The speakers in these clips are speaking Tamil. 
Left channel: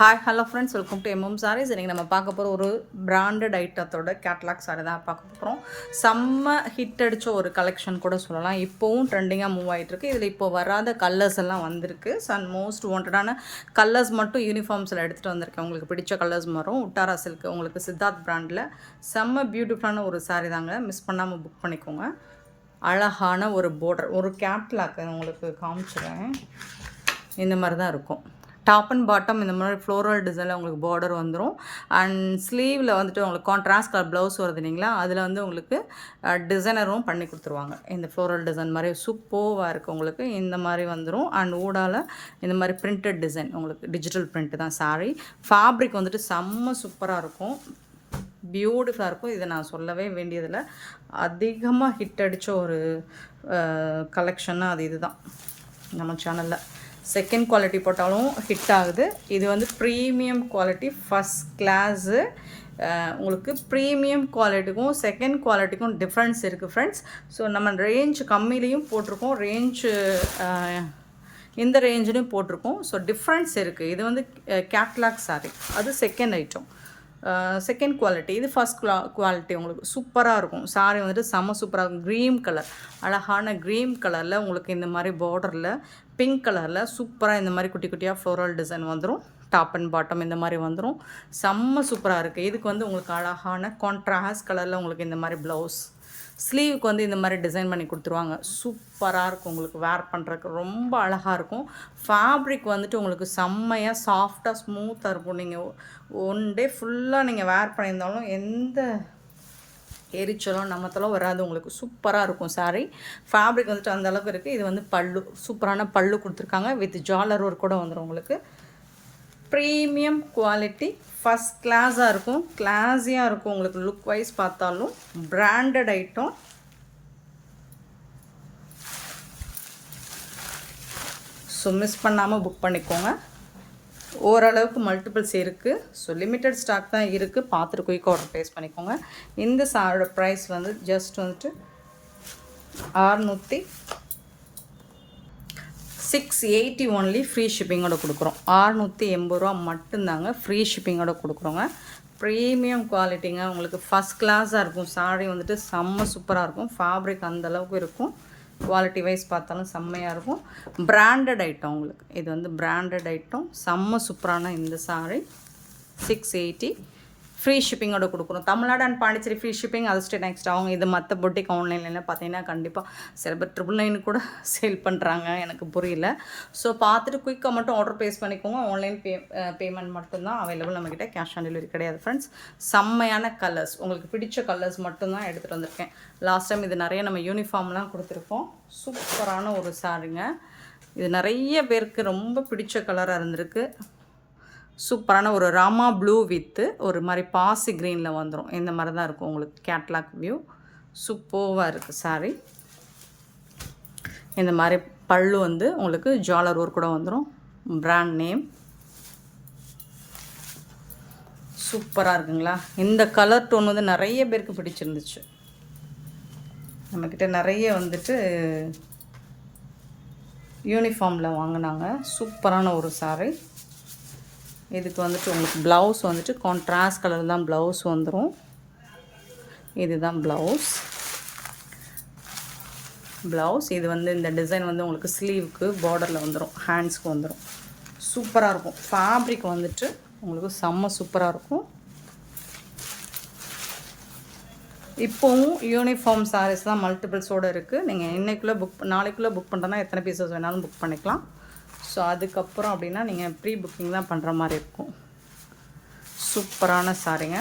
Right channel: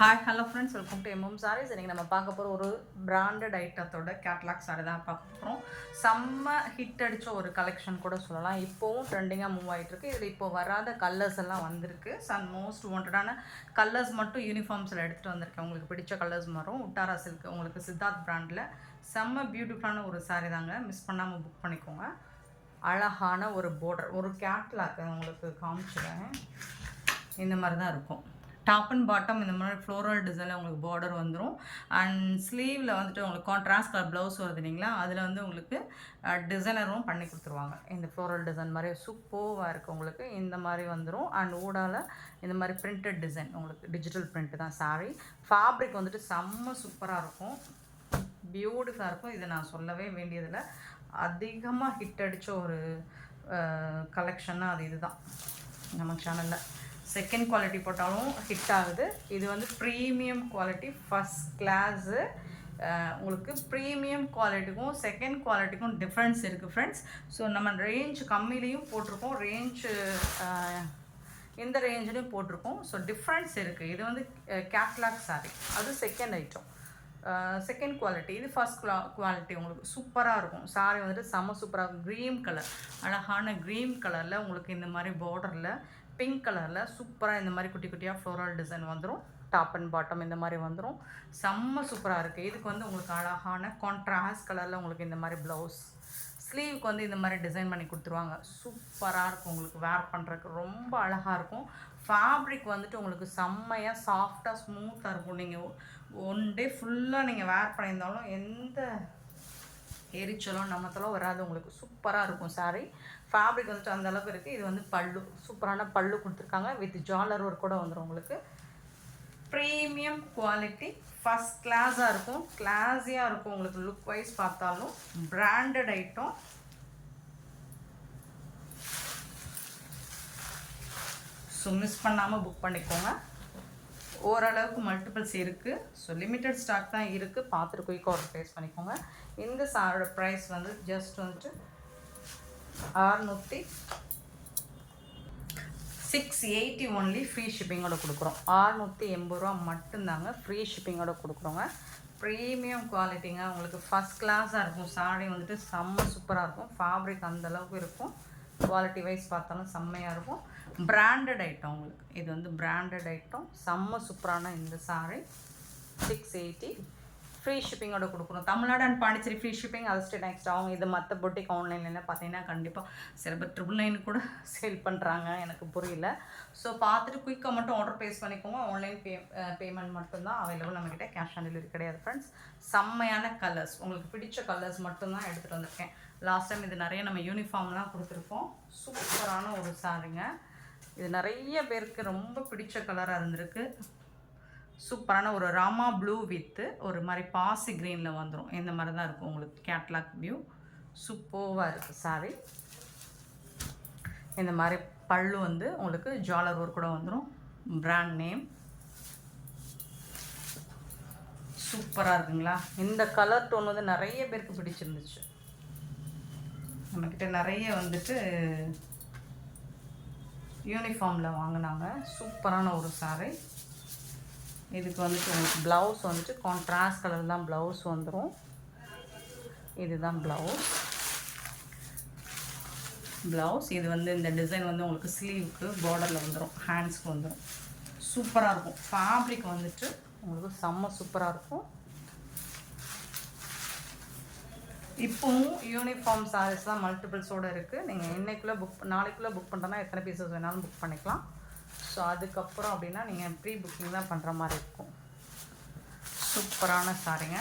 Hi hello friends, welcome to MM Sarees. இன்றைக்கி நம்ம பார்க்க போகிற ஒரு பிராண்டட் ஐட்டத்தோட கேட்லாக் சாரி தான் பார்க்க போகிறோம். செம்ம ஹிட் அடித்த ஒரு கலெக்ஷன் கூட சொல்லலாம். இப்போவும் ட்ரெண்டிங்காக மூவ் ஆகிட்டுருக்கு. இதில் இப்போ வராத கலர்ஸ் எல்லாம் வந்திருக்கு. ஸோ அண்ட் மோஸ்ட் வாண்டடான கலர்ஸ் மட்டும் யூனிஃபார்ம்ஸில் எடுத்துகிட்டு வந்திருக்கேன். உங்களுக்கு பிடிச்ச கலர்ஸ் வரும். உட்டாரா சில்க் உங்களுக்கு சித்தார்த் பிராண்டில் செம்ம பியூட்டிஃபுல்லான ஒரு சாரி தாங்க. மிஸ் பண்ணாமல் புக் பண்ணிக்கோங்க. அழகான ஒரு பார்டர், ஒரு கேட்லாக் உங்களுக்கு காமிச்சிடுறேன். இந்த மாதிரி தான் இருக்கும். டாப் அண்ட் பாட்டம் இந்த மாதிரி ஃப்ளோரல் டிசைனில் உங்களுக்கு பார்டர் வந்துடும். அண்ட் ஸ்லீவில் வந்துட்டு உங்களுக்கு கான்ட்ராஸ்ட் கலர் ப்ளவுஸ் வருது இல்லைங்களா, அதில் வந்து உங்களுக்கு டிசைனரும் பண்ணி கொடுத்துருவாங்க. இந்த ஃப்ளோரல் டிசைன் மாதிரி சூப்பராக இருக்குது. உங்களுக்கு இந்த மாதிரி வந்துடும். அண்ட் ஊடால் இந்த மாதிரி பிரிண்டட் டிசைன், உங்களுக்கு டிஜிட்டல் பிரிண்ட்டு தான் சாரீ. ஃபேப்ரிக் வந்துட்டு செம்ம சூப்பராக இருக்கும், பியூட்டிஃபுல்லாக இருக்கும். இதை நான் சொல்லவே வேண்டியதில்லை. அதிகமாக ஹிட் அடித்த ஒரு கலெக்ஷன்னா அது இதுதான் நம்ம சேனலில். செகண்ட் குவாலிட்டி போட்டாலும் ஹிட் ஆகுது. இது வந்து ப்ரீமியம் குவாலிட்டி, ஃபஸ்ட் கிளாஸு. உங்களுக்கு ப்ரீமியம் குவாலிட்டிக்கும் செகண்ட் குவாலிட்டிக்கும் டிஃப்ரென்ஸ் இருக்குது ஃப்ரெண்ட்ஸ். ஸோ நம்ம ரேஞ்ச் கம்மிலையும் போட்டிருக்கோம், ரேஞ்சு இந்த ரேஞ்சிலையும் போட்டிருக்கோம். ஸோ டிஃப்ரென்ஸ் இருக்குது. இது வந்து கேட்லாக் சாரி, அது செகண்ட் ஐட்டம், செகண்ட் குவாலிட்டி. இது ஃபஸ்ட் குவாலிட்டி. உங்களுக்கு சூப்பராக இருக்கும். சாரி வந்துட்டு செம்ம சூப்பராக இருக்கும். க்ரீம் கலர், அழகான க்ரீம் கலரில் உங்களுக்கு இந்த மாதிரி பார்டரில் பிங்க் கலரில் சூப்பராக இந்த மாதிரி குட்டி குட்டியாக ஃப்ளோரல் டிசைன் வந்துடும். டாப் அண்ட் பாட்டம் இந்த மாதிரி வந்துடும். செம்ம சூப்பராக இருக்குது. இதுக்கு வந்து உங்களுக்கு அழகான கான்ட்ராஸ்ட் கலரில் உங்களுக்கு இந்த மாதிரி ப்ளவுஸ், ஸ்லீவுக்கு வந்து இந்த மாதிரி டிசைன் பண்ணி கொடுத்துருவாங்க. சூப்பராக இருக்கும். உங்களுக்கு வேர் பண்ணுறதுக்கு ரொம்ப அழகாக இருக்கும். ஃபேப்ரிக் வந்துட்டு உங்களுக்கு செம்மையாக சாஃப்டாக ஸ்மூத்தாக இருக்கும். நீங்கள் ஒன் டே ஃபுல்லாக நீங்கள் வேர் பண்ணியிருந்தாலும் எந்த எரிச்சலும் நமத்தெல்லாம் வராது. உங்களுக்கு சூப்பராக இருக்கும் சாரீ. ஃபேப்ரிக் வந்துட்டு அந்த அளவுக்கு இருக்குது. இது வந்து பல்லு, சூப்பரான பல்லு கொடுத்துருக்காங்க. வித் ஜாலர் ஒர்க் கூட வந்துடும். உங்களுக்கு ப்ரீமியம் குவாலிட்டி, ஃபஸ்ட் கிளாஸாக இருக்கும், கிளாஸியாக இருக்கும். உங்களுக்கு லுக் வைஸ் பார்த்தாலும் பிராண்டட் ஐட்டம். ஸோ மிஸ் பண்ணாமல் புக் பண்ணிக்கோங்க. ஓரளவுக்கு மல்டிபிள்ஸ் இருக்குது. ஸோ லிமிட்டட் ஸ்டாக் தான் இருக்குது. பார்த்துட்டு குயிக்காக ஆர்டர் ப்ளேஸ் பண்ணிக்கோங்க. இந்த சாரோட ப்ரைஸ் வந்து ஜஸ்ட் வந்துட்டு 680 ஒன்லி, ஃப்ரீ ஷிப்பிங்கோட கொடுக்குறோம். 680 ரூபா மட்டும்தாங்க, ஃப்ரீ ஷிப்பிங்கோட கொடுக்குறோங்க. ப்ரீமியம் குவாலிட்டிங்க. உங்களுக்கு ஃபஸ்ட் கிளாஸாக இருக்கும். சாரி வந்துட்டு செம்ம சூப்பராக இருக்கும். ஃபேப்ரிக் அந்தளவுக்கு இருக்கும். குவாலிட்டி வைஸ் பார்த்தாலும் செம்மையாக இருக்கும். Branded item. உங்களுக்கு இது வந்து பிராண்டட் ஐட்டம். செம்ம சூப்பரான இந்த சாரி 680 ஃப்ரீ ஷிப்பிங்கோட கொடுக்குறோம். Tamil Nadu and Pondicherry free shipping. அது ஸ்டே நெக்ஸ்ட் அவங்க இது மற்ற பொட்டிக் ஆன்லைனில் பார்த்தீங்கன்னா கண்டிப்பாக சில பேர் 999 கூட சேல் பண்ணுறாங்க. எனக்கு புரியல. ஸோ பார்த்துட்டு குயிக்காக மட்டும் ஆர்டர் ப்ளேஸ் பண்ணிக்கோங்க. ஆன்லைன் பேமெண்ட் மட்டும்தான் அவைலபிள் நம்மக்கிட்ட. கேஷ் ஆன் டெலிவரி கிடையாது ஃப்ரெண்ட்ஸ். செம்மையான கலர்ஸ், உங்களுக்கு பிடிச்ச கலர்ஸ் மட்டும்தான் எடுத்துகிட்டு வந்திருக்கேன். லாஸ்ட் டைம் இது நிறைய நம்ம யூனிஃபார்ம்லாம் கொடுத்துருக்கோம். சூப்பரான ஒரு சாரிங்க. இது நிறைய பேருக்கு ரொம்ப பிடிச்ச கலராக இருந்திருக்கு. சூப்பரான ஒரு ராமா ப்ளூ வித்து ஒரு மாதிரி பாசி க்ரீனில் வந்துடும். இந்த மாதிரி தான் இருக்கும் உங்களுக்கு கேட்லாக் வியூ. சூப்பராக இருக்குது சாரி. இந்த மாதிரி பல்லு வந்து உங்களுக்கு ஜாலர் ஒர்க் கூட வந்துடும். Brand name. சூப்பராக இருக்குங்களா? இந்த கலர் டோன் வந்து நிறைய பேருக்கு பிடிச்சிருந்துச்சு. நம்மக்கிட்ட நிறைய வந்துட்டு யூனிஃபார்மில் வாங்கினாங்க. சூப்பரான ஒரு சாரி. இதுக்கு வந்துட்டு உங்களுக்கு ப்ளவுஸ் வந்துட்டு கான்ட்ராஸ்ட் கலர் தான் ப்ளவுஸ் வந்துடும். இதுதான் ப்ளவுஸ். இது வந்து இந்த டிசைன் வந்து உங்களுக்கு ஸ்லீவுக்கு பார்டரில் வந்துடும், ஹேண்ட்ஸ்க்கு வந்துடும். சூப்பராக இருக்கும். ஃபேப்ரிக் வந்துட்டு உங்களுக்கு செம்ம சூப்பராக இருக்கும். இப்போவும் யூனிஃபார்ம் சாரீஸ் தான் மல்டிபிள்ஸோடு இருக்குது. நீங்கள் இன்னைக்குள்ளே நாளைக்குள்ளே புக் பண்ணுறதுனா எத்தனை பீசஸ் வேணாலும் புக் பண்ணிக்கலாம். ஸோ அதுக்கப்புறம் அப்படின்னா நீங்கள் ப்ரீ புக்கிங் தான் பண்ணுற மாதிரி இருக்கும். சூப்பரான சாரிங்க.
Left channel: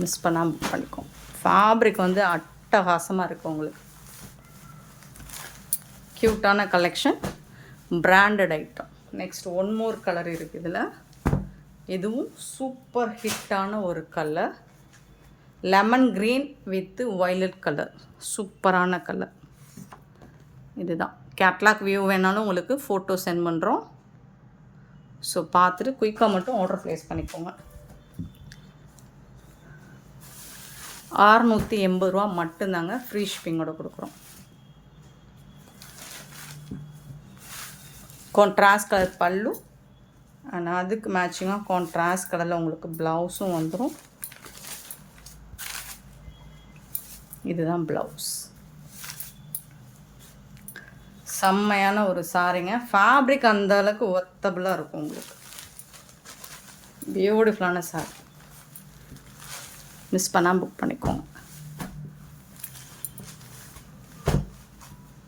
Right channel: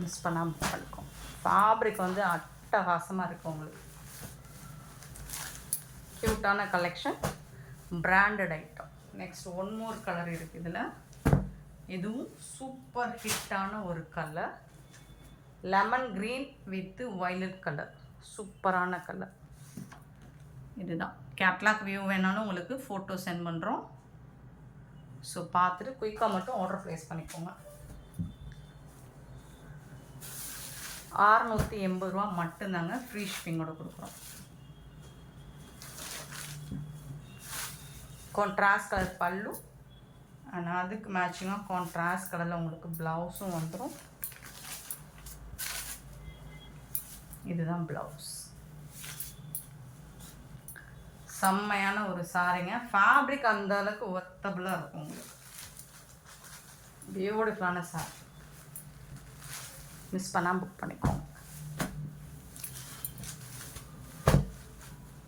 மிஸ் பண்ணாமல் புக் பண்ணிக்கோங்க. ஃபேப்ரிக் வந்து அட்டகாசமாக இருக்கும். உங்களுக்கு க்யூட்டான collection, branded item. Next one more colour இருக்குது இதில். இதுவும் சூப்பர் ஹிட்டான ஒரு colour, lemon green with violet colour. சூப்பரான கலர். இதுதான் கேட்லாக் வியூ. வேணாலும் உங்களுக்கு ஃபோட்டோ சென்ட் பண்ணுறோம். ஸோ பார்த்துட்டு குயிக்காக மட்டும் ஆர்டர் ப்ளேஸ் பண்ணிக்கோங்க. 680 ரூபா மட்டும்தாங்க, ஃப்ரீ ஷிப்பிங்கோட கொடுக்குறோம். கான்ட்ராஸ்ட் கலர் பல்லு அண்ட் அதுக்கு மேட்சிங்காக கான்ட்ராஸ்ட் கலரில் உங்களுக்கு ப்ளவுஸும் வந்துடும். இதுதான் ப்ளவுஸ். செம்மையான ஒரு சாரிங்க. ஃபேப்ரிக் அந்த அளவுக்கு ஒர்த்தபுளாக இருக்கும் உங்களுக்கு. பியூட்டிஃபுல்லான சாரி. மிஸ் பண்ணாமல் புக் பண்ணிக்கோங்க.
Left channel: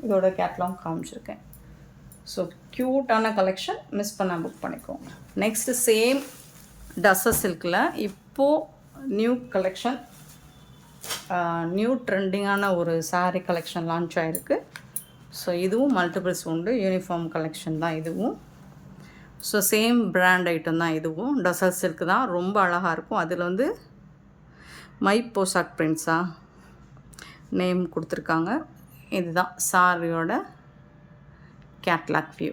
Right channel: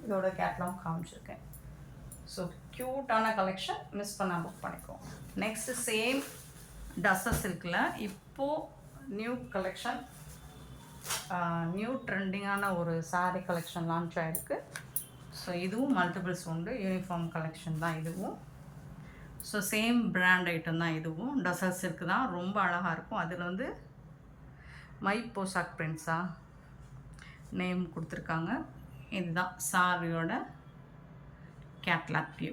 இதோட கேட்லாக் காமிச்சிருக்கேன். ஸோ க்யூட்டான கலெக்ஷன், மிஸ் பண்ணாமல் புக் பண்ணிக்கோங்க. நெக்ஸ்ட்டு சேம் டஸ்ஸர் சில்கில் இப்போது நியூ கலெக்ஷன், நியூ ட்ரெண்டிங்கான ஒரு சாரீ கலெக்ஷன் லான்ச் ஆகிருக்கு. ஸோ இதுவும் மல்டிபிள்ஸ் உண்டு. யூனிஃபார்ம் கலெக்ஷன் தான் இதுவும். ஸோ சேம் பிராண்ட் ஐட்டம் தான் இதுவும். டசர் சில்க் தான், ரொம்ப அழகாக இருக்கும். அதில் வந்து மை போசாக் பிரிண்ட்ஸாக நேம் கொடுத்துருக்காங்க. இதுதான் சாரியோட கேட்லாக் வியூ.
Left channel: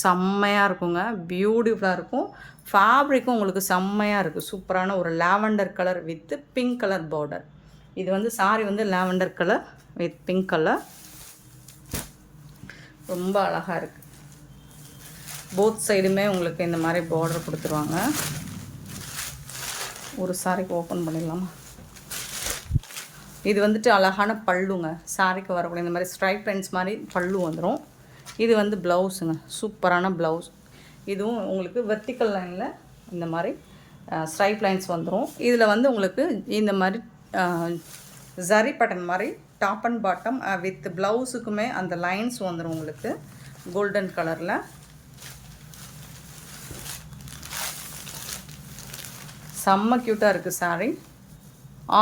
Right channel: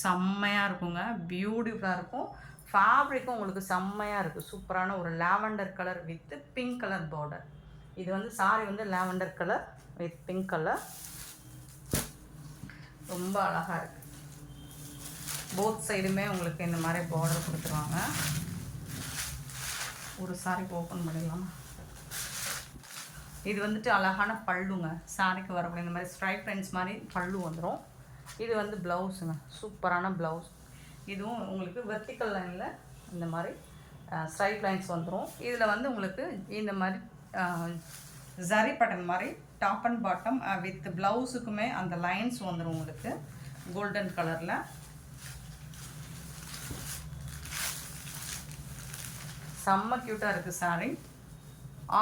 செம்மையாக இருக்குங்க, பியூட்டிஃபுல்லாக இருக்கும். ஃபேப்ரிக்கும் உங்களுக்கு செம்மையாக இருக்குது. சூப்பரான ஒரு lavender colour with pink colour border. இது வந்து சாரி வந்து lavender colour with pink colour, ரொம்ப அழகாக இருக்குது. போத் சைடுமே உங்களுக்கு இந்த மாதிரி பார்டர் கொடுத்துருவாங்க. ஒரு சாரிக்கு ஓப்பன் பண்ணிடலாம். இது வந்துட்டு அழகான பல்லுங்க. சாரிக்கு வரக்கூடிய இந்த மாதிரி ஸ்ட்ரைப் லைன்ஸ் மாதிரி பல்லு வந்துடும். இது வந்து ப்ளவுஸுங்க, சூப்பரான ப்ளவுஸ். இதுவும் உங்களுக்கு வெர்டிக்கல் லைனில் இந்த மாதிரி ஸ்ட்ரைப் லைன்ஸ் வந்துடும். இதில் வந்து உங்களுக்கு இந்த மாதிரி ஜரி பட்டன் மாதிரி டாப் அண்ட் பாட்டம் வித் ப்ளவுஸுக்குமே அந்த லைன்ஸ் வந்துடும் உங்களுக்கு கோல்டன் கலரில். செம்ம க்யூட்டாக இருக்குது சாரீ.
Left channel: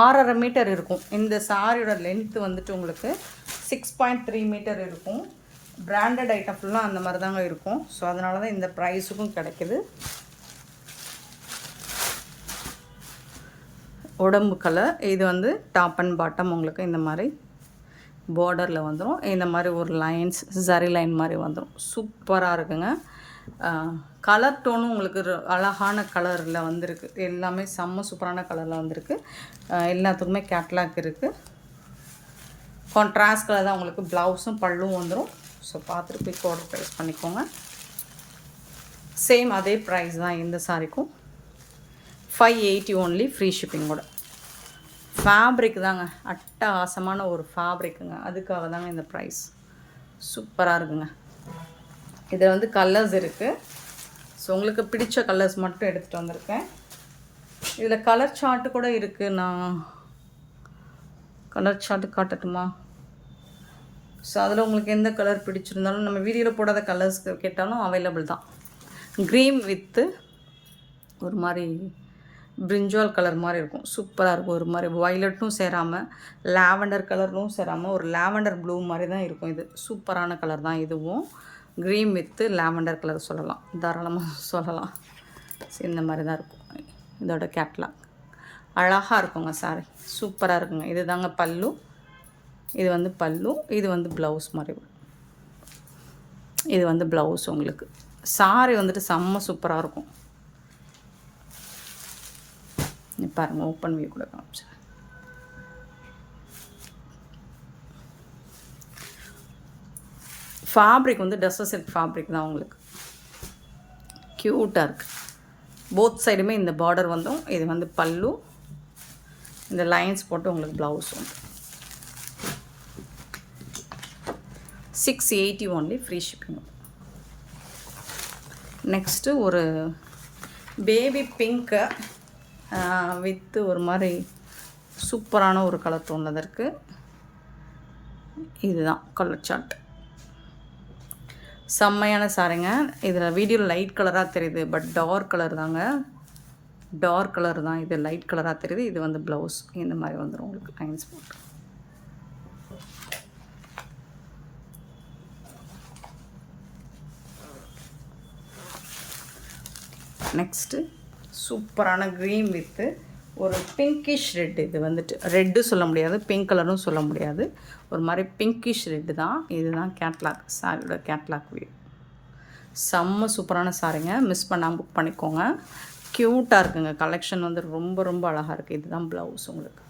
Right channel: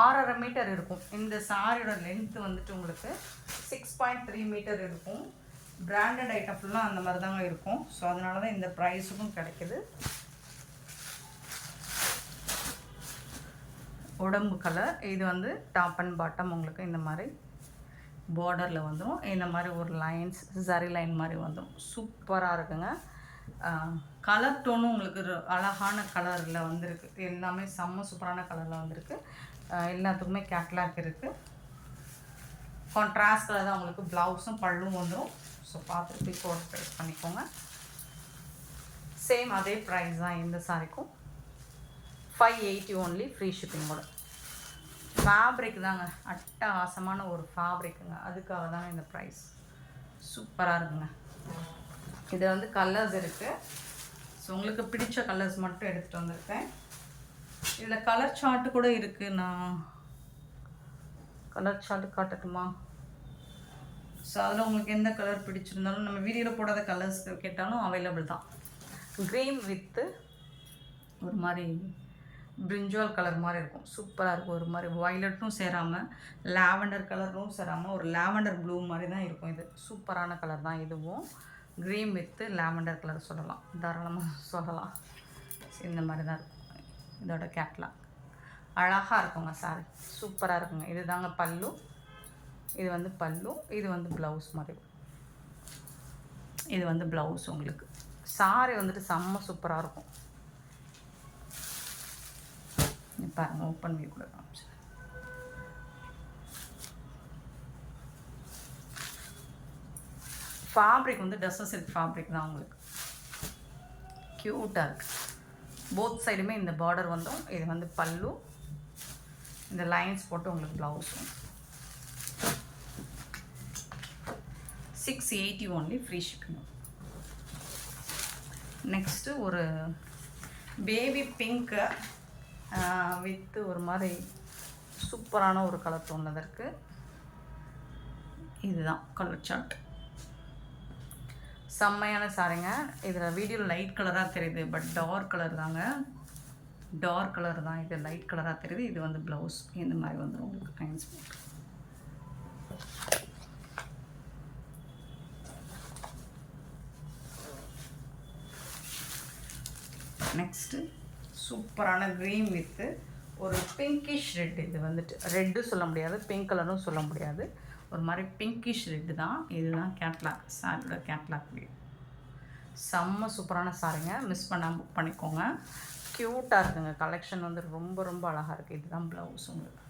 6.5 மீட்டர் இருக்கும். இந்த சாரியோட லென்த்து வந்துட்டு உங்களுக்கு 6.3 மீட்டர் இருக்கும். பிராண்டட் ஐட்டம் ஃபுல்லாக அந்த மாதிரி தாங்க இருக்கும். ஸோ அதனால தான் இந்த ப்ரைஸுக்கும் கிடைக்கிது. உடம்பு கலர். இது வந்து டாப் அண்ட் பாட்டம் உங்களுக்கு இந்த மாதிரி பார்டரில் வந்துடும். இந்த மாதிரி ஒரு லைன்ஸ் ஜரி லைன் மாதிரி வந்துடும். சூப்பராக இருக்குங்க. கலர் டோனும் உங்களுக்கு அழகான கலரில் வந்திருக்கு. எல்லாமே செம்ம சூப்பரான கலரில் வந்திருக்கு. எல்லாத்துக்குமே கேட்லாக் இருக்குது. கான்ட்ராஸ்ட் கலர் தான் உங்களுக்கு ப்ளவுஸும் பல்லும் வந்துடும். ஸோ பார்த்துட்டு போய் ஆர்டர் ப்ரைஸ் பண்ணிக்கோங்க. சேம் அதே ப்ரைஸ் தான் இந்த சாரிக்கும். 580 ஒன்லி, ஃப்ரீ ஷிப்பிங்கோட. ஃபேப்ரிக் தாங்க, அட்டகாசமான ஒரு ஃபேப்ரிக்குங்க. அதுக்காக தாங்க இந்த ப்ரைஸ். சூப்பராக இருக்குங்க. இதில் வந்து கலர்ஸ் இருக்குது. ஸோ உங்களுக்கு பிடிச்ச கலர்ஸ் மட்டும் எடுத்துகிட்டு வந்திருக்கேன். இதில் கலர் சார்ட்டு கூட இருக்குது. நான் கலர் சார்ட்டு காட்டட்டுமா? ஸோ அதில் உங்களுக்கு எந்த கலர் பிடிச்சிருந்தாலும், நம்ம வீடியோவில் போடாத கலர்ஸ் கேட்டாலும் அவைலபிள் தான். க்ரீன் வித்து ஒரு மாதிரி பிரிஞ்சால் கலர் மாதிரி இருக்கும். சூப்பராக இருக்கும். ஒரு மாதிரி வயலட்டும் சேராமல், லாவெண்டர் கலரும் சேராமல், ஒரு லாவெண்டர் ப்ளூ மாதிரி தான் இருக்கும். இது சூப்பரான கலர் தான். இதுவும் க்ரீன் வித்து லாவெண்டர் கலர் சொல்லலாம், தாராளமாக சொல்லலாம். இந்த மாதிரி தான் இருக்கும். இதோட கேட்லாக் அழகாக இருக்குங்க. சாரி சூப்பராக இருக்குங்க. இது தாங்க பல்லு. இது வந்து பல்லு. இது வந்து ப்ளவுஸ் மாதிரி. இது வந்து ப்ளவுஸ் உங்களுக்கு. சாரி வந்துட்டு செம்ம சூப்பராக இருக்கும். பாருங்கள், ஓப்பன் வியூ கூட காமிச்சேன். ஃபேப்ரிக் வந்து டஸ்ஸர் சில்க் ஃபேப்ரிக் தான் உங்களுக்கு. க்யூட்டாக இருக்குது. போத் சைடுமே இந்த பார்டர் வந்துடும். இது வந்து பல்லு. இந்த லைன்ஸ் போட்டு உங்களுக்கு ப்ளவுஸ் வந்து 680 ஒன்லி, ஃப்ரீ ஷிப்பிங். நெக்ஸ்ட்டு ஒரு பேபி பிங்க்கு வித்து ஒரு மாதிரி சூப்பரான ஒரு கலர் தோணுது இருக்குது. இதுதான் கலர் சார்ட். செம்மையான சாரிங்க. இதில் வீடியோவில் லைட் கலராக தெரியுது, பட் டார்க் கலர் தாங்க. டார்க் கலர் தான். இது லைட் கலராக தெரியுது. இது வந்து ப்ளவுஸ் இந்த மாதிரி வந்துடும் உங்களுக்கு லைன்ஸ் போட்டு. நெக்ஸ்ட்டு சூப்பரான க்ரீன் வித்து ஒரு பிங்கிஷ் ரெட். இது வந்துட்டு ரெட்டு சொல்ல முடியாது, பிங்க் கலரும் சொல்ல முடியாது, ஒரு மாதிரி பிங்கிஷ் ரெட்டு தான். இதுதான் கேட்லாக், சாரியோட கேட்லாக் வியூ. செம்ம சூப்பரான சாரிங்க. மிஸ் பண்ணாமல் புக் பண்ணிக்கோங்க. க்யூட்டாக இருக்குங்க. கலெக்ஷன் வந்து ரொம்ப ரொம்ப அழகாக இருக்குது. இதுதான் ப்ளவுஸ் உங்களுக்கு.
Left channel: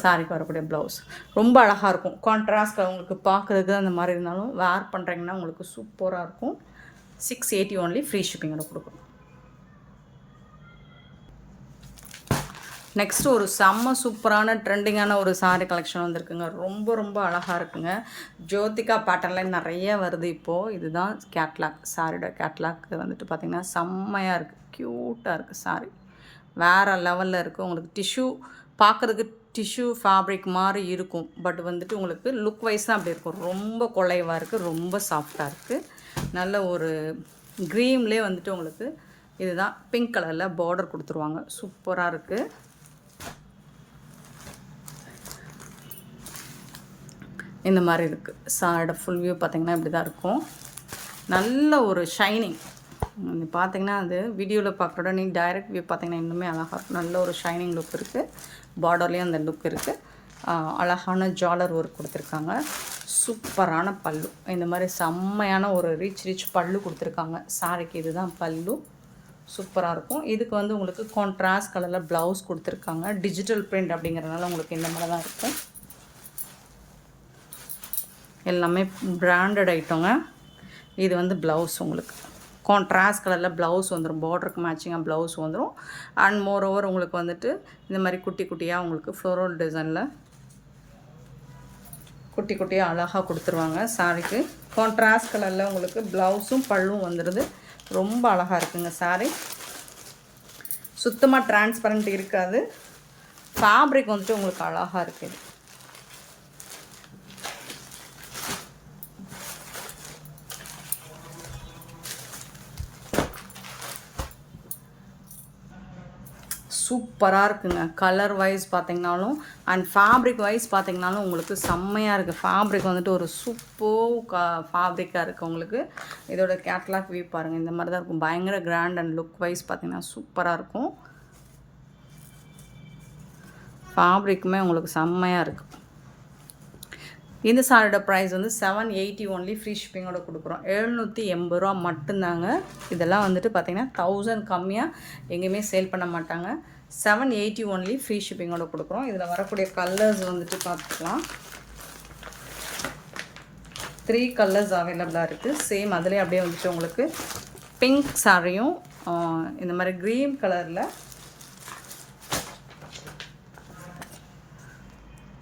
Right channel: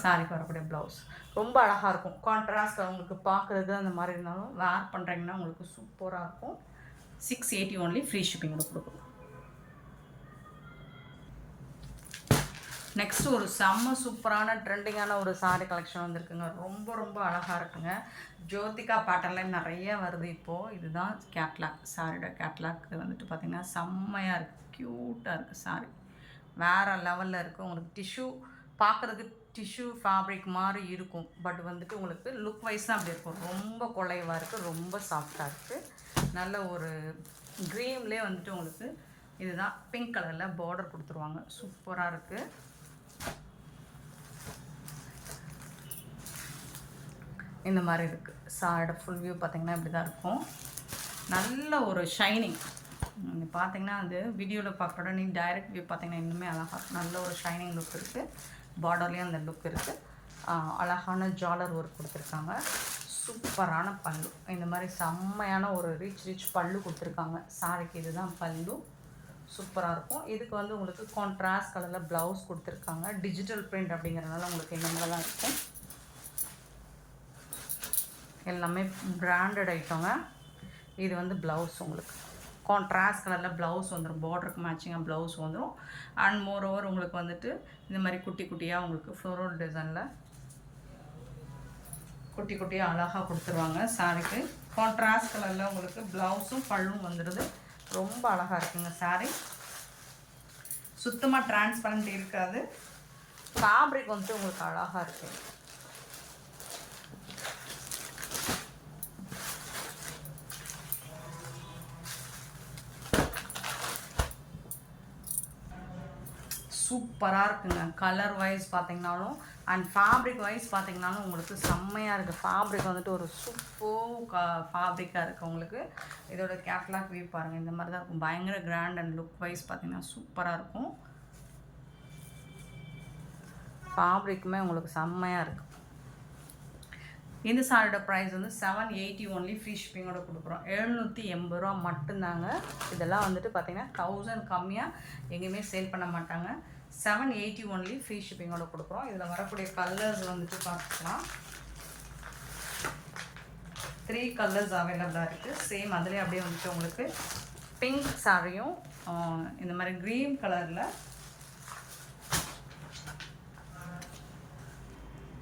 சாரிக்கு வரக்கூடிய ப்ளவுஸ் ரொம்ப அழகாக இருக்கும். கான்ட்ராஸ்ட் உங்களுக்கு பார்க்குறதுக்கு அந்த மாதிரி இருந்தாலும் வேர் பண்ணுறீங்கன்னா உங்களுக்கு சூப்பராக இருக்கும். 680 ஒன்லி, ஃப்ரீ ஷிப்பிங்கோட கொடுக்குறோம். நெக்ஸ்ட் ஒரு செம்ம சூப்பரான ட்ரெண்டிங்கான ஒரு சாரீ கலெக்ஷன் வந்திருக்குங்க. ரொம்ப ரொம்ப அழகாக இருக்குங்க. ஜோதிகா பேட்டர்னில் நிறைய வருது இப்போது. இதுதான் கேட்லாக், சாரியோட கேட்லாக் வந்துட்டு பார்த்திங்கன்னா செம்மையாக இருக்குது, க்யூட்டாக இருக்குது. சாரி வேறு லெவலில் இருக்குது. உங்களுக்கு டிஷ்யூ பார்க்குறதுக்கு டிஷ்யூ ஃபேப்ரிக் மாதிரி இருக்கும், பட் வந்துட்டு உங்களுக்கு லுக் வைஸ் தான் அப்படி இருக்கும். ரொம்ப குலைவாக இருக்குது, ரொம்ப சாஃப்டாக இருக்குது. நல்ல ஒரு க்ரீம்லேயே வந்துட்டு உங்களுக்கு இதுதான் பிங்க் கலரில் பார்டர் கொடுத்துருவாங்க. சூப்பராக இருக்குது. இந்த மாதிரி இருக்குது. சாரோட ஃபுல் வியூ பார்த்திங்கன்னா இப்படி தான் இருக்கும். நல்ல ஒரு ஷைனிங் பார்த்திங்கன்னா அது வீடியோவில் பார்க்குறோட நீங்கள் டைரக்ட் வியூ பார்த்திங்கன்னா இன்னுமே அழகாக இருக்கும். நல்ல ஒரு ஷைனிங் லுக் இருக்குது. பார்டர்லேயும் அந்த லுக் இருக்குது. அழகான ஜாலர் ஒர்க் கொடுத்துருக்காங்க. சூப்பரான பல்லு. இந்த மாதிரி செம்மையான ஒரு ரிச் பல்லு கொடுத்துருக்காங்க. சாரிக்கு இதுதான் பல்லு. சூப்பராக இருக்கும். இதுக்கு வந்து உங்களுக்கு கான்ட்ராஸ்ட் கலரில் ப்ளவுஸ் கொடுத்துருக்காங்க. டிஜிட்டல் பிரிண்ட் அப்படிங்கிறதுனால உங்களுக்கு இந்த மாதிரி தான் இருக்கும். எல்லாமே பிராண்டட் ஐட்டங்க. இது வந்து ப்ளவுஸ் உங்களுக்கு கான்ட்ராஸ்ட் கலரில் ப்ளவுஸ் வந்துடும். பார்டருக்கு மேட்சிங்காக ப்ளவுஸ் வந்துடும். அண்ட் மோர் ஓவர் உங்களுக்கு வந்துட்டு இந்த மாதிரி குட்டி குட்டியாக உங்களுக்கு ஃப்ளோரல் டிசைனில் குட்டி குட்டியாக அழகாக கொடுத்துருவாங்க. சாரிக்கு கான்ட்ராஸ்ட் கலரில் உங்களுக்கு ப்ளவுஸும் பல்லும் வந்துடுது. ரொம்ப அழகாக இருக்குங்க. சாரி சுத்தமாக டிரான்ஸ்பரண்ட் இருக்காது. ஃபேப்ரிக் வந்துட்டு உங்களுக்கு அழகாக இருக்குது. சூப்பராக இருக்குங்க. கலர் வைஸ் பார்த்திங்கனாலும் அண்ட் ஃபேப்ரிக் வைஸ் பார்த்திங்கனாலும் உங்களுக்கு செம்மையாக இருக்குது. ஃபேப்ரிக் வந்துட்டு ஒரு ஃபேப்ரிக்காக இருக்குது உங்களுக்கு. இதோட கேட்லாக் வியூ பாருங்கள். இந்த மாதிரி தான் இருக்கும். பயங்கர கிராண்ட் அண்ட் லுக் வைஸ் பார்த்திங்கன்னா சூப்பராக இருக்கும். ஃபேப்ரிக்குமே உங்களுக்கு செம்மையாக இருக்குது. இந்த சாரியோட ப்ரைஸ் வந்து 780 ஒன்லி, ஃப்ரீ ஷிப்பிங்கோட கொடுக்குறோம். 780 ரூபா மட்டும்தாங்க. இதெல்லாம் வந்துட்டு பார்த்திங்கன்னா 1000 கம்மியாக எங்கேயுமே சேல் பண்ண மாட்டாங்க. 780 ஒன்லி, ஃப்ரீ ஷிப்பிங்கோட கொடுக்குறோம். இதில் வரக்கூடிய கலர்ஸ் வந்துட்டு பார்த்துக்கலாம். 3 கலர்ஸ் அவைலபிளாக இருக்குது. சேம் அதிலே அப்படியே வந்துட்டு உங்களுக்கு பிங்க் சாரியும் இந்த மாதிரி க்ரீன் கலரில்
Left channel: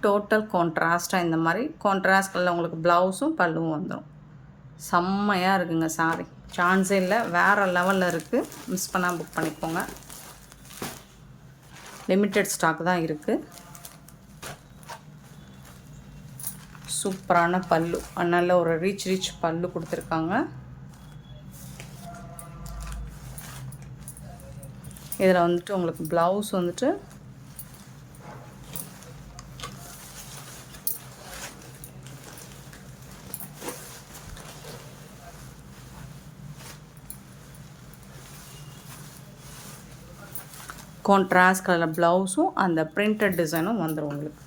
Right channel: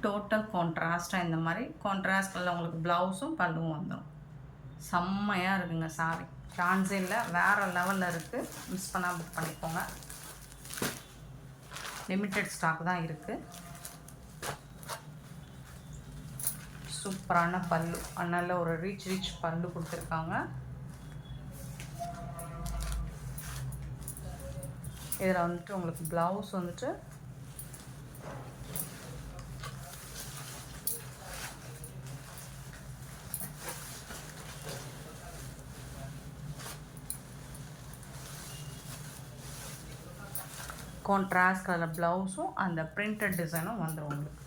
டோட்டல் கான்ட்ராஸ்ட்டாக இந்த மாதிரி கான்ட்ராஸ்ட் கலரில் உங்களுக்கு ப்ளவுஸும் பல்லும் வந்துடும். செம்மையாக இருக்குங்க. சாரி சான்ஸே இல்லை, வேறு லெவலில் இருக்குது. மிஸ் பண்ணால் புக் பண்ணிக்கோங்க. லிமிட்டட் ஸ்டாக் தான் இருக்குது. சூப்பரான பல்லு, நல்ல ஒரு ரிச் பல்லு கொடுத்துருக்காங்க. இதில் வந்துட்டு உங்களுக்கு ப்ளவுஸ் வந்துட்டு கான்ட்ராஸ்ட் கலர் ப்ளவுஸும் அந்த பிரிண்டட் டிசைனும் வந்துடும் உங்களுக்கு.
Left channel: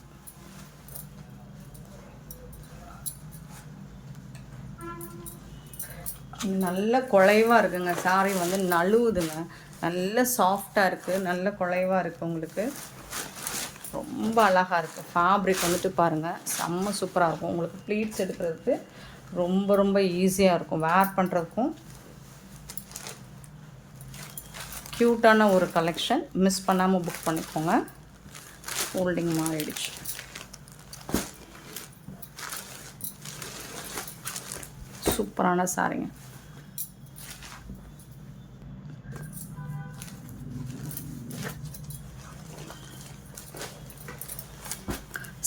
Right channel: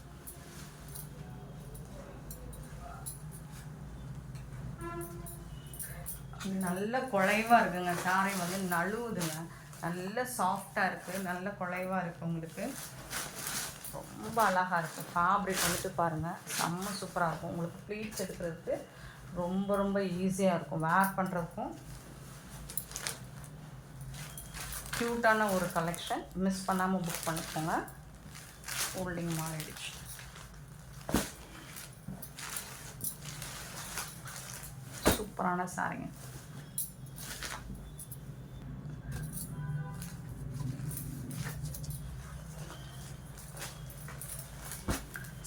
நல்ல குலைவாக இருக்குங்க. சாரி வந்து நழுவுதுங்க. நல்ல சாஃப்டாக இருக்குது, நல்ல குலைவாக இருக்குது உங்களுக்கு. ரொம்ப அழகாக இருக்குது. ஃபேப்ரிக் வந்துட்டு பாருங்கள், செம்ம சூப்பராக இருக்கும். உங்களுக்கு ப்ளீட்ஸ் எடுக்கிறதுக்கு ரொம்ப ரொம்ப ஈஸியாக இருக்கும். வேர் பண்ணுறதுக்கும் க்யூட்டான ஒரு கலெக்ஷன். மிஸ் பண்ணாமல் புக் பண்ணிக்கோங்க. ஃபோல்டிங் மாறிடுச்சு. சூப்பரான சாரிங்க.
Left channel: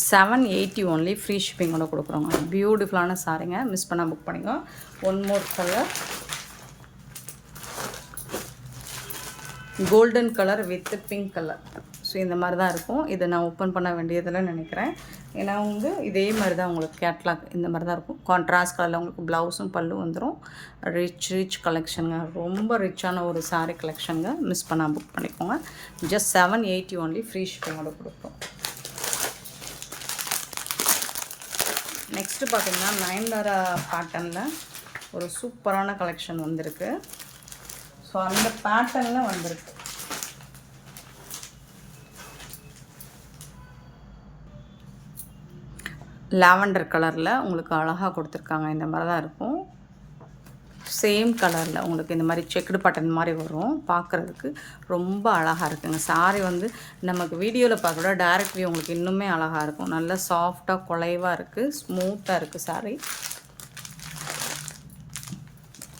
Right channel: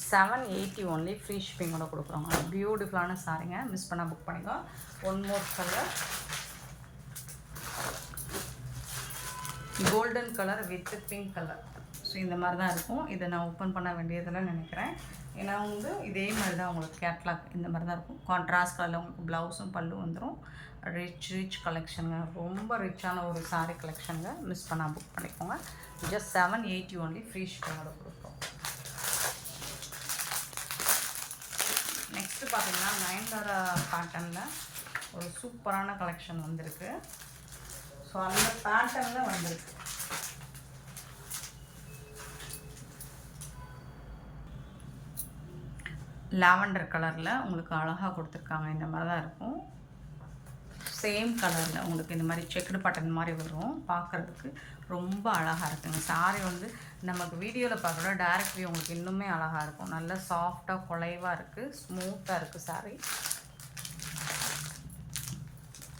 $780 ஒன்லி, ஃப்ரீ ஷிப்பிங்கோட கொடுக்குறோங்க. பியூட்டிஃபுல்லான சாரிங்க. மிஸ் பண்ணால் புக் பண்ணிக்கோ. One more colour, golden colour with pink colour. So இந்த மாதிரி தான் இருக்கும். இதை நான் ஓப்பன் பண்ண வேண்டியதில் நினைக்கிறேன். ஏன்னா வந்து இதே மாதிரி தான் உங்களுக்கு கேட்லாக் இந்த மாதிரி தான் இருக்கும். கான்ட்ராஸ்ட் கலரில் உங்களுக்கு ப்ளவுஸும் பல்லும் வந்துடும். ரிச் கலெக்ஷனுங்க. ரொம்ப ரிச்சான ஒரு சாரீ கலெக்ஷனுங்க. மிஸ் பண்ணால் புக் பண்ணிக்கோங்க. ஜஸ்ட் 780 ஒன்லி, ஃப்ரீ ஷிப்பிங்கோட கொடுக்குறோம். நெக்ஸ்ட்டு பார்த்தீங்கன்னா நயன்தாரா பேட்டர்னில் ஒரு சூப்பரான கலெக்ஷன் வந்திருக்கு. ஸோ அந்த பேட்டர்னில் வந்திருக்கு. லாவெண்டர் கலரில் உங்களுக்கு அழகாக கொடுத்துருக்காங்க. இந்த மாதிரி தான் இருக்கும். சேம் கலரில் உங்களுக்கு இந்த மாதிரி செக்குடு பட்டன் மாதிரி வரும். பார்க்குறதுக்கு ரொம்ப அழகாக இருக்குங்க. சாரி வந்து நமக்கு வீடியோவில் பார்க்க டைரக்ட் வியூ உங்களுக்கு இன்னுமே அழகாக இருக்கும். நல்லா சாஃப்டாக குலைவாக இருக்குது, ஸ்மூத்தாக இருக்குது சாரி.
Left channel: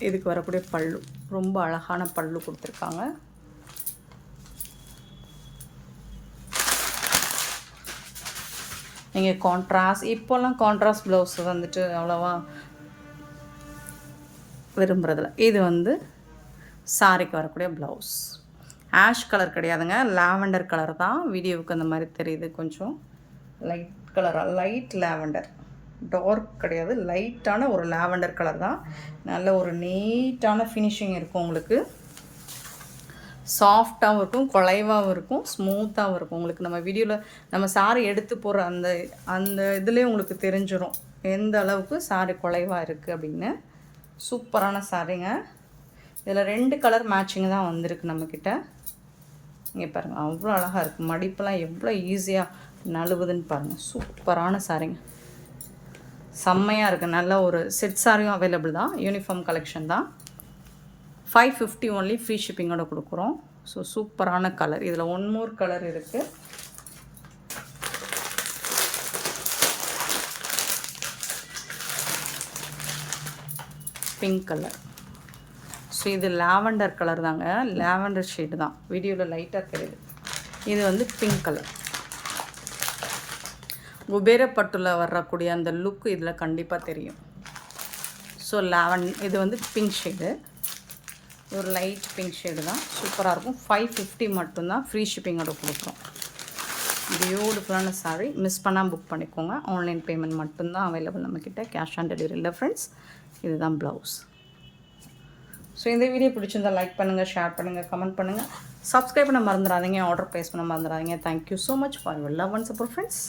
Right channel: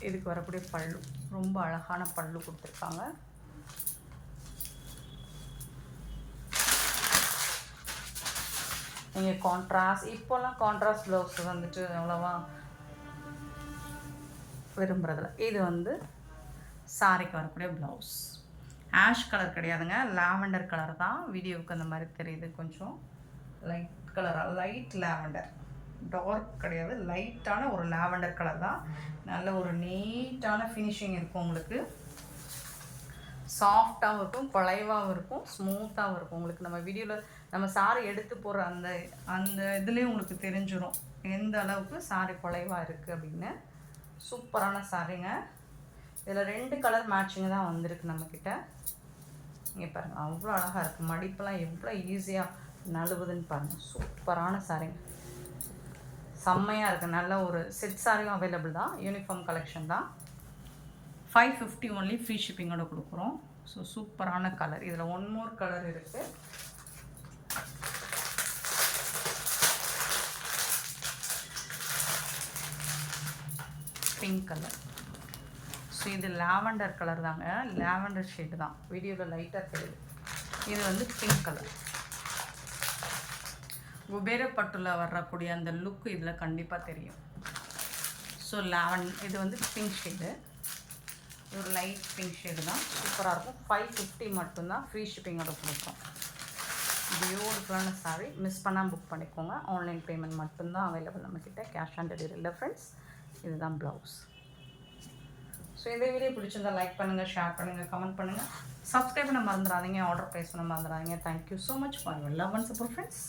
இதுக்கு வரக்கூடிய பல்லு ரொம்ப அழகான பல்லு கொடுத்துருக்காங்க. நீங்கள் கான்ட்ராஸ்ட் இப்போல்லாம் கான்ட்ராஸ்ட் ப்ளவுஸ் வந்துட்டு அவ்வளோவா விரும்புகிறதில்ல. இது வந்து சாரிக்கு வரக்கூடிய ப்ளவுஸ். ஆஷ் கலர் கிடையாதுங்க, லாவெண்டர் கலர் தான். வீடியோவுக்கு அந்த மாதிரி தெரியுது, கொஞ்சம் லைட் கலராக, லைட் லாவெண்டர், டார்க் கிடையாது, லைட்டான ஒரு லாவெண்டர் கலர் தான். நல்ல ஒரு நீட்டான ஃபினிஷிங் இருக்கும் உங்களுக்கு. சாஃப்டாகவும் இருக்கும், குலைவாகவும் இருக்கும், ஸ்மூத்தாகவும் இருக்கும். உங்களுக்கு நம்ம வீடியோவில் நம்ம சாரி எடுத்து போகிற அந்த அந்த இதுலேயே உங்களுக்கு தெரிஞ்சிடும் எந்த அளவுக்கு சாரி குலைவாக இருக்குது அப்படின்னு. சூப்பரான சாரிங்க. இதில் 2 கலர் மேட்சிங் தான் வந்திருக்கு நம்மக்கிட்ட. இங்கே பாருங்கள், அவ்வளோ அழகாக இருக்குது. மடிப்பெல்லாம் எவ்வளோ ஈஸியாக நழுவுதுன்னு பாருங்கள். சூப்பரான சாரிங்க, செம்மையாக இருக்குது. நல்ல ஒரு செட் சாரியும் அவைலபிள் தான். யூனிஃபார்ம் கலெக்ஷன் தான். 550 ஒன்லி, ஃப்ரீ ஷிப்பிங்கோட கொடுக்குறோம். ஸோ சூப்பரான கலர். இதில் 1 மோர் கலர் இருக்குது. Pink colour. ஸோ இது லாவெண்டர் கலர் தாங்க, லாவெண்டர் ஷேடு தான். வீடியோவில் லைட்டாக தெரியுது. இது வந்து பிங்க் கலர். குபேரப்பட்டுல வரக்கூடிய அந்த லுக் இதில் கண்டிப்பாக தெரியும். ஸோ இது வந்து பிங்க் ஷேடு, ஒரு லைட் பிங்க் ஷேடு தான். சூப்பராக இருக்கும். 550 மட்டும்தான், ஃப்ரீ ஷிப்பிங்கோட கொடுக்குறோம். பியூட்டிஃபுல்லான சாரி. மிஸ் பண்ணால் புக் பண்ணிக்கோங்க. ஆன்லைன் பேமெண்ட் மட்டும்தான் அவைலபிள் நம்மக்கிட்ட, கேஷ் ஆன் டெலிவரி இல்லை ஃப்ரெண்ட்ஸ். இதுதான் ப்ளவுஸ். ஸோ இந்த வீடியோ பிடிச்சிருந்தால் லைக் பண்ணுங்கள், ஷேர் பண்ணுங்கள், கமெண்ட் பண்ணுங்கள், சப்ஸ்கிரைப் பண்ண மறந்துடாதீங்க, ஆர்டர் ப்ளேஸ் பண்ண மறந்துடாதீங்க. Thank you so much for your love and support friends.